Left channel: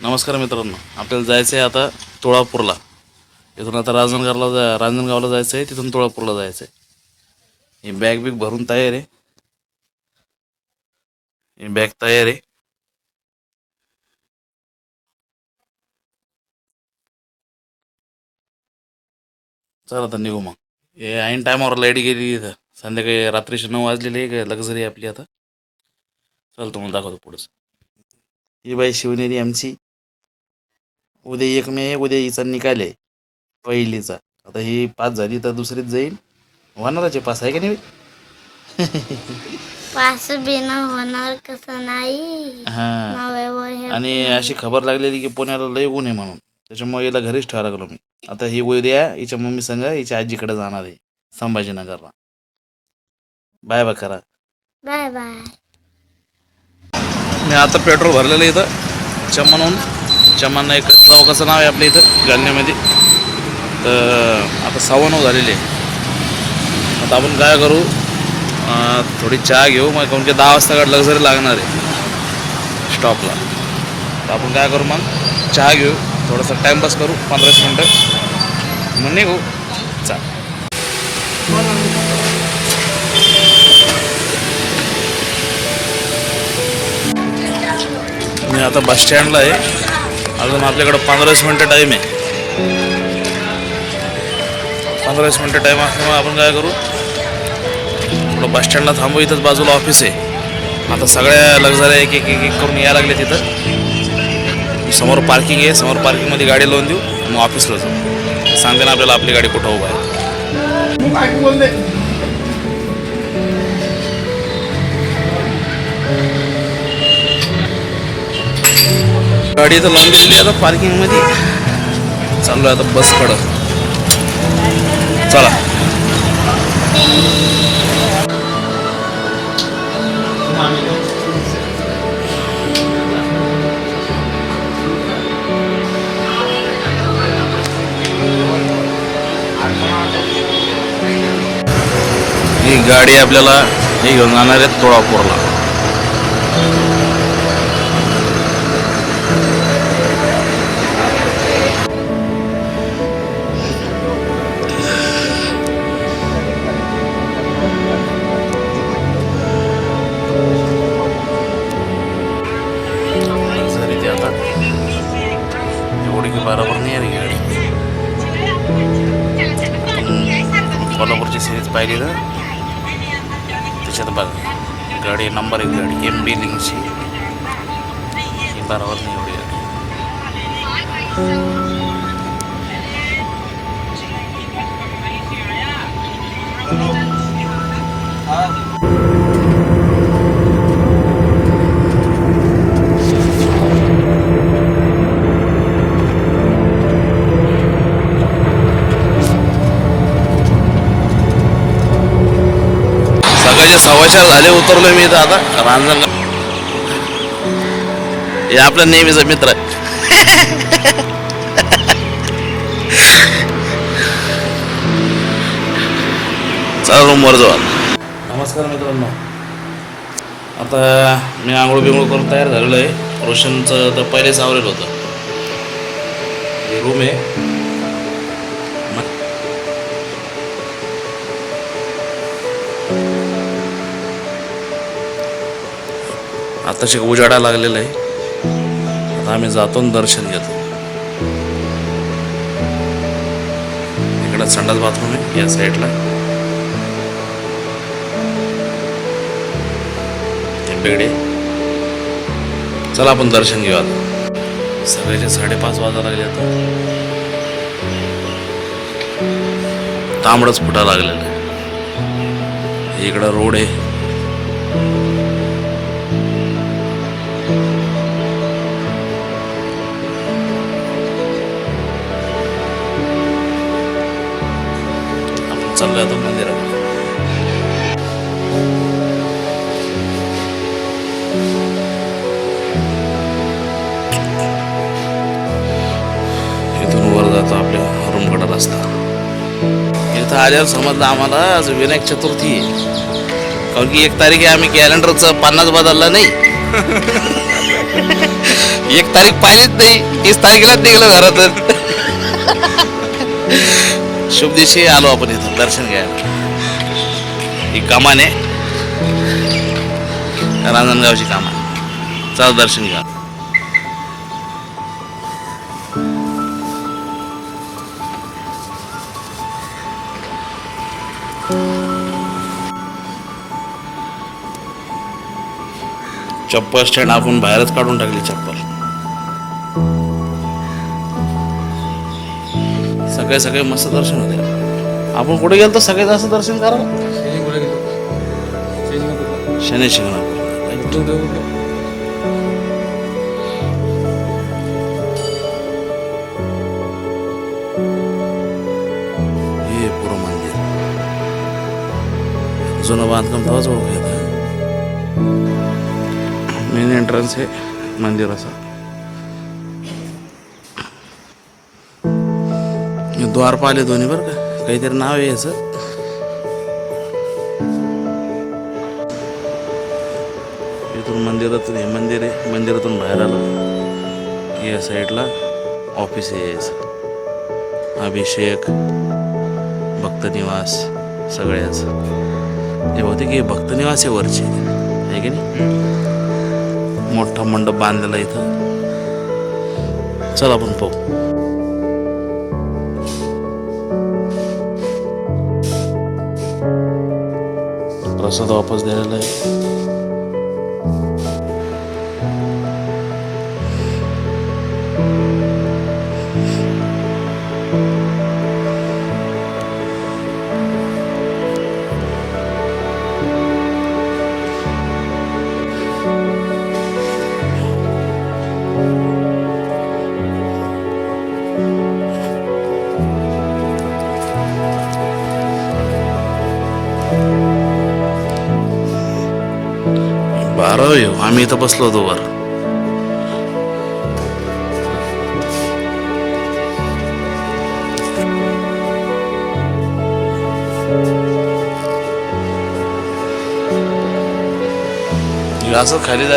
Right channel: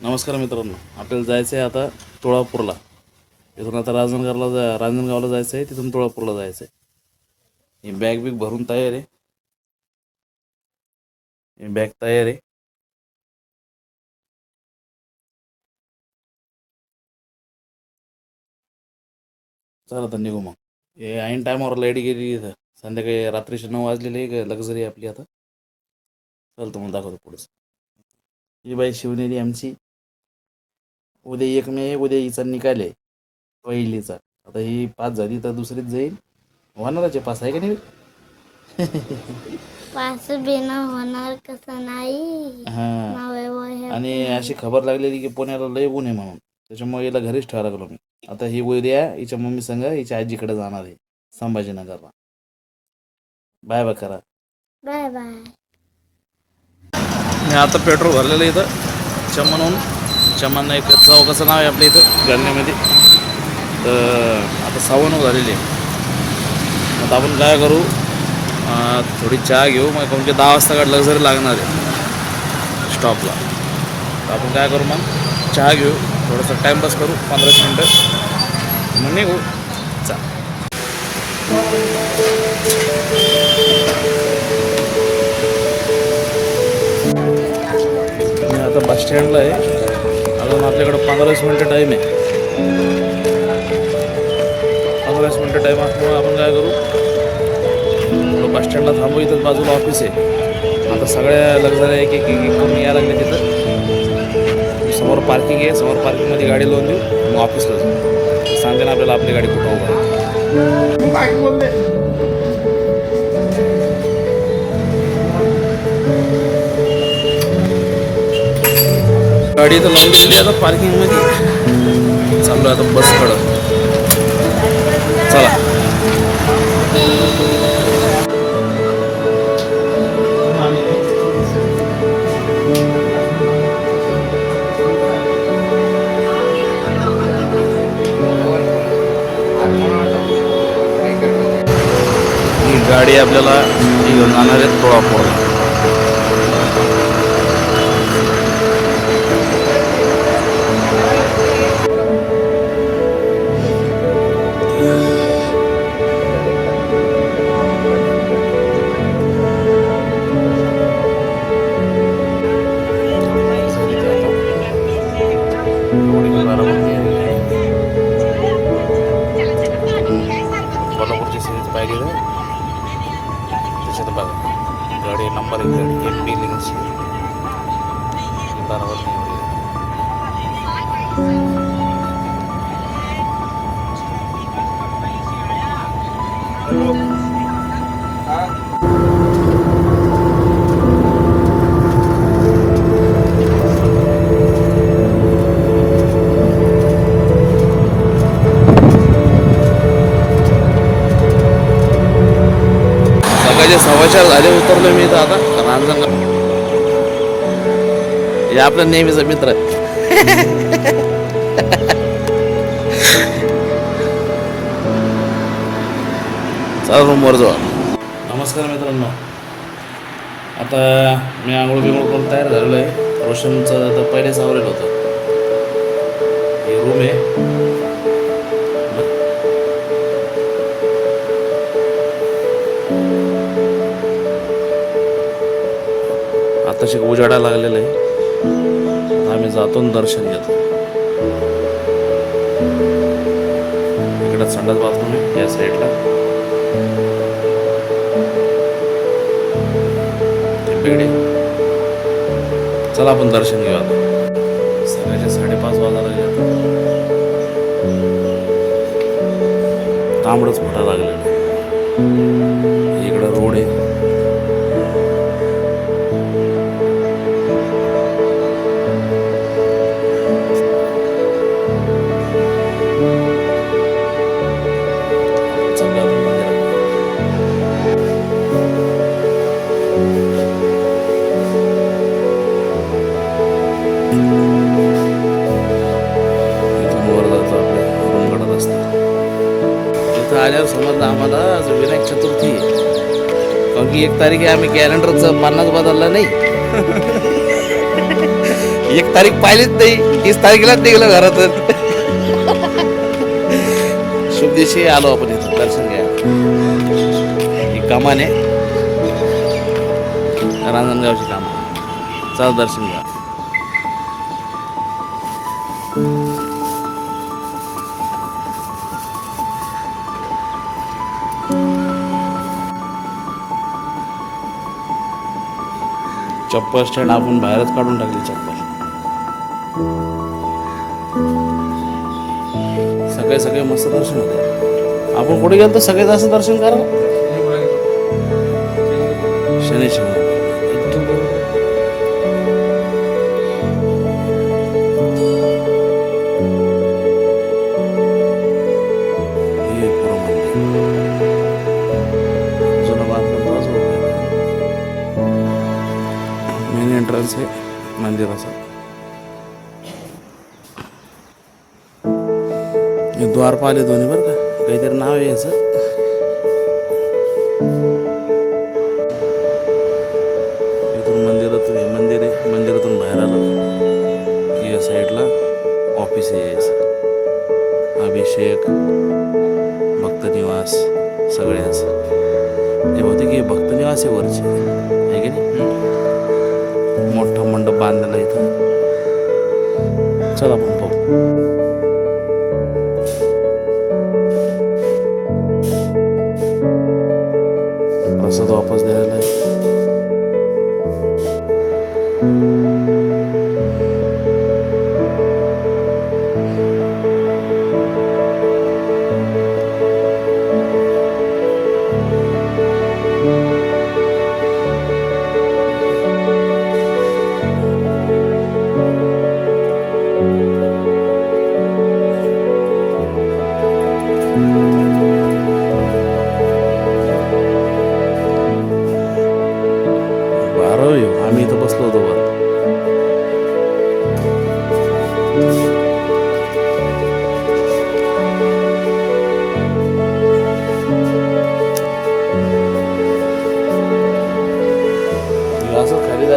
नमस्कार मित्रांनो आपल्याला जायचं आहे आता तुळापूरला. इथून आता रांजणगावला जा रांजणगावला जायचं आहे तिथून तुळापूरला जायचं आहे ही बॅग बिग भरून तयार आहे. ही बॅग तयार आहे. चला तर निघू मग. हे ऐन टायमावर लाइट गेली इथं. संध्याकाळी रात्रीचे नऊ वाजलेले आहे लक्झरी आपली आता. चल तुम्हाला दाखवतो पुढचं. ही बाई शिवनेरी आमची उद्या एक मे उद्या हिचा निकाल आहे. पहिलीचा. आता ही पास झाली तर दुसरीच जाईल. होणारच आहे पास आहे का नाही? पास बिना होणार कसं नाही. हा. आणि अशी खबर लागलेली की पुण्याला लय ऊन आहे म्हणून. त्याच्यामुळे हिला घरीच ठेवा लागलो मी. आता ही उद्या हिच्या मम्मी संग हिच्या आजीकडे जाणार आहे संभाजीनगरला. बाय बाय करा. Bye bye. मी आता पेट्रोल भरलेलं आहे इथं. चमनहून चमन एक चौकाचं नाव आहे आपल्या इथं जालन्यामध्ये तर आता सव्वा नऊ झालेली आहे. आता आपण काय करू? थोडी चहा घेऊ मग कोण की दहा वाजता काढलं जरी लागणार आहे. स्टॉपला. तर आपण काय करू मग? चहा घेऊ थोडंसं टाईमपास करू पंधराशे मिनटं. मग निघू. चा मी आता बस स्टँडला आहे. अजून आपल्याकडं पंधराच मिनटं टाईम आहे. पंधराच मिनटं टाईम असल्यामुळे आपण काय करू? थोडं बस स्टँडला थांबू इथंच बाजूला ऑफिस आहे. आता सगळ्या लक्झरी आहे एक एक एक करून यायला लागले तिथं. समोर पार्किंग आहे. समोर पार्किंगमध्ये गाडी लावून देऊ. मग ऑफिसला जाऊ. सांगा ना आपल्याला आपली गाडी कुठं उभा आहे. गाडी तर लावून दिली आता पार्किंगमध्ये. चाललो आता बसकडं. चला. ही गाडी आपल्याला हे घेऊन जाणार आहे तुळापूरला. त्याच्यात बघ गाडी नंबर एक गाडी एम बी लिंकची ही बरोबर नाही आपला नेहमीचा मित्र. आहे चला रूमवर जाऊ नमस्कार मित्रांनो. आता मी आंघोळ बिंघोळ करून तयार झालेलो आहे. रोशनचं तर पहिलेच आवरेल होतं. रूम आहे. आताशी उजाडा लागलेला आहे. आम्ही जातो दर्शन घेतो. इकडं संडास बाथरूम आहे या साईडला. ते बिगडे चला आपण दर्शन घेऊ आता. सकाळचे साडेपाच वाजायला लागले आता. तांबडच फुटा लागलेला आहे. इकडं रोड आहे. इथून वर जातो आपल्या रूमकडे रस्ता इथं आल्यावर समजलं आम्हाला आज विनायक चतुर्थी आहे. कारण की एक तारीख आहे आम्ही कॅलेंडरचं पन्नास बदललं नाही. एक तारीख पाहिजेच नाही तीस तारखेलाच निघलं घरात. शुभ दिवशी आलो आपण इथं दर्शन घ्यायला. ही कमान आहे. रांजणगावची कामान. चाल दर्शन घ्या. चप्पल स्टँड आपण बाहेरच काढून टाकली चप्पल. सगळे सगळे मस्त दर्शन होते. आपण कुठे गेलो तर सगळे जास्त दर्शन करा शनी शिंगणापूर मेन एंट्रन्स आहे मंदिराचा हे दोन्ही बरं का काहीतरी नाव आहे याचं इथून मंदिरातून हे मंदिर आहे मंदिरातून बाहेर आला या साईडला ऑफिस आहे अभिषेक भक्त निवास सगळ्याच हे बहुतेक की भक्त निवास आहे वरचे आहे की नाही चला आपण पाहू प्रसाद वापस द्यायला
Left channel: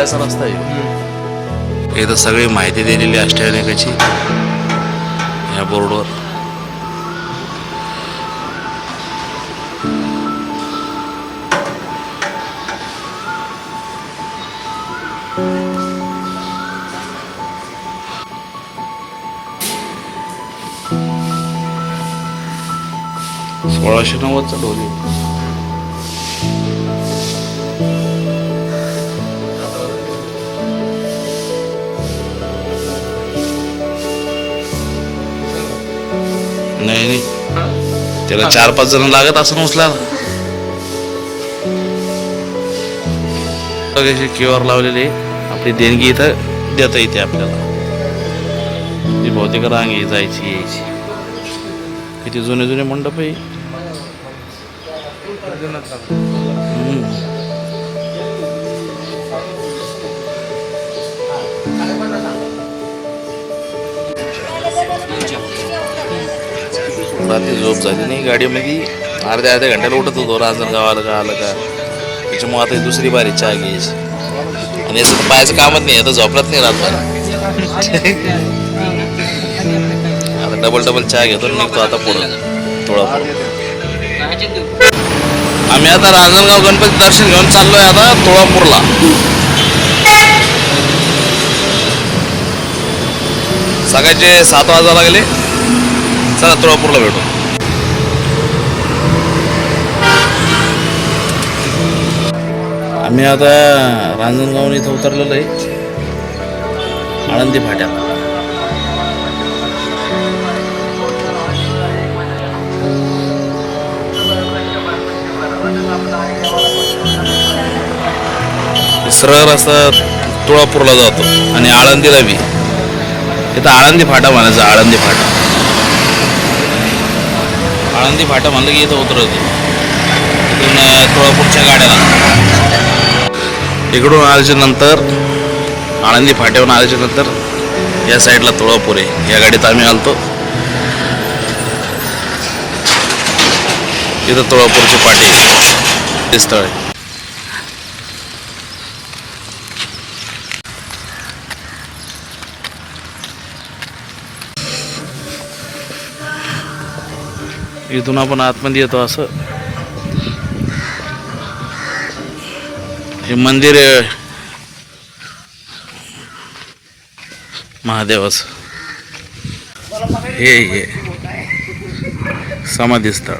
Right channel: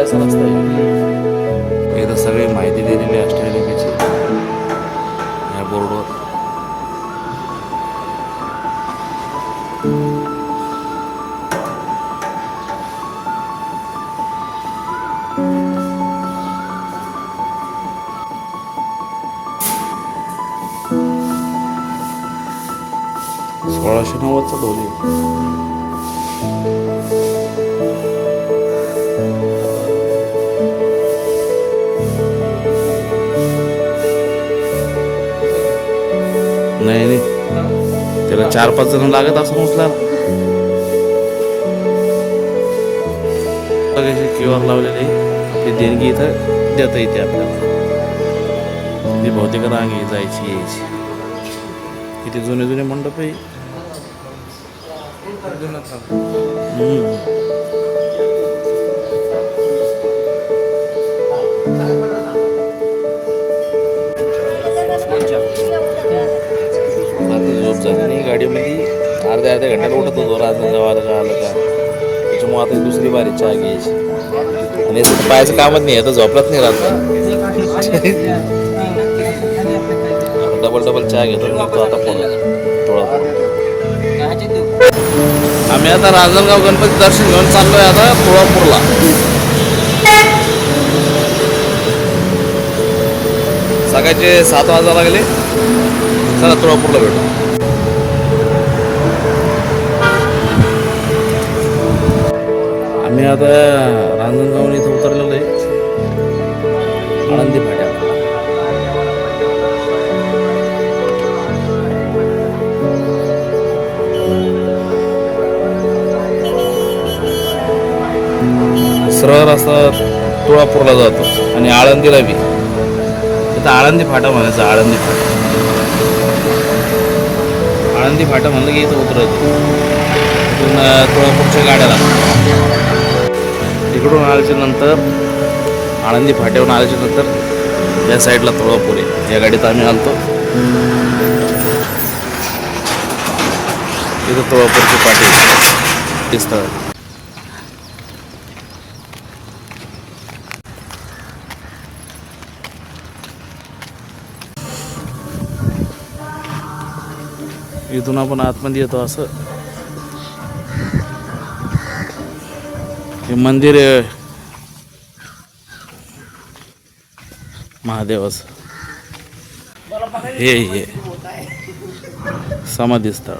असं खाली जायचा रस्ता आहे इथं सगळी माहिती दिलेली असते अनेकाची. या बोर्डवर. चार पाच जण लागत असं उचलायला. आर लावलेली. आपली देणगी इथं देता येते आपल्याला. बहुतेक रांग आहे जायची यायची. किती जुने जुने मंडप आहे. हम्म. गाडीमध्ये अर्ध्या अर्ध्या घंट्याला उठत होतो राजन गावाला का आलं का त्याच्यामुळे आता दुसरी बारी चहा घ्यायची आणि असं पायाचं कामच नाही आता झोपलाच नाही राहणार डबल डबल चहा घेतो निघतो आता पुढं थोडं आम्ही आता रांजणगाव गणपती दर्शन घेऊन चाललोय आता तुळापूरला सकाळचे सात वाजा लागले चला तुळापूरला भेटू मी आता रांजणगाव इथं उतरलेलो आहे. आळंदी फाट्याला सरळ रस्ता तुळापूरला जातो आणि आळंदीला बी इथं आळंदी फाटा म्हणायचं आळंदी फाटा. आळंदी फाटा म्हणलं की इथं उतरवतो. तुळापूरच्या गाड्या इकडून आल्याच्यानंतर आळंदी फाट्यावरून आल्याच्यानंतर या साईडला तुळापूर आहे या गाडीत आम्ही आलतो. इथं तुळापूरचे पाठी स्थळ आहे. इथून आपण आतमध्ये येतो असं. हे मंदिर आहे. हे हे. समाधी स्थळ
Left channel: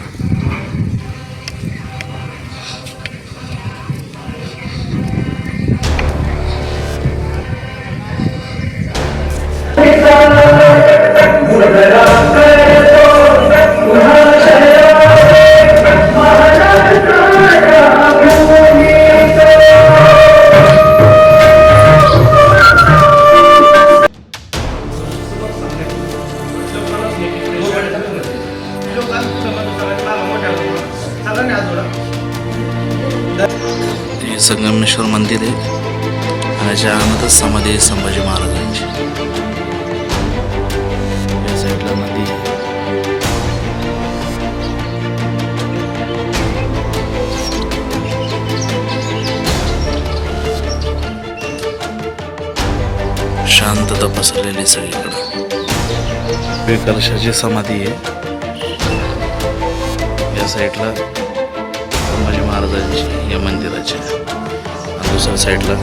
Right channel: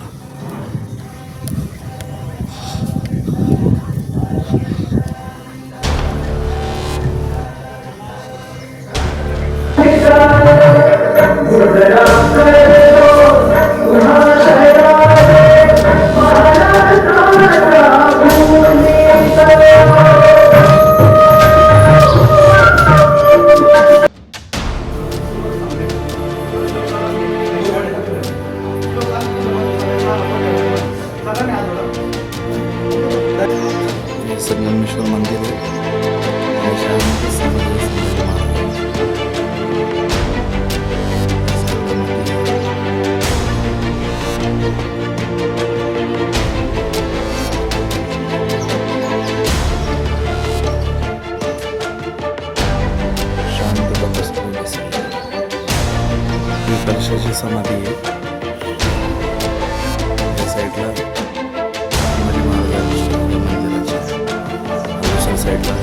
संगमेश्वर मंदिर आहे. आणि त्याच्यानंतर समाधी आहे संभाजी महाराजांची. शांतता पसरलेली सगळीकडे. कलशाची समाधी आहे. या साईडला संभाजी महाराजांची या मंदिराच्या சைடில்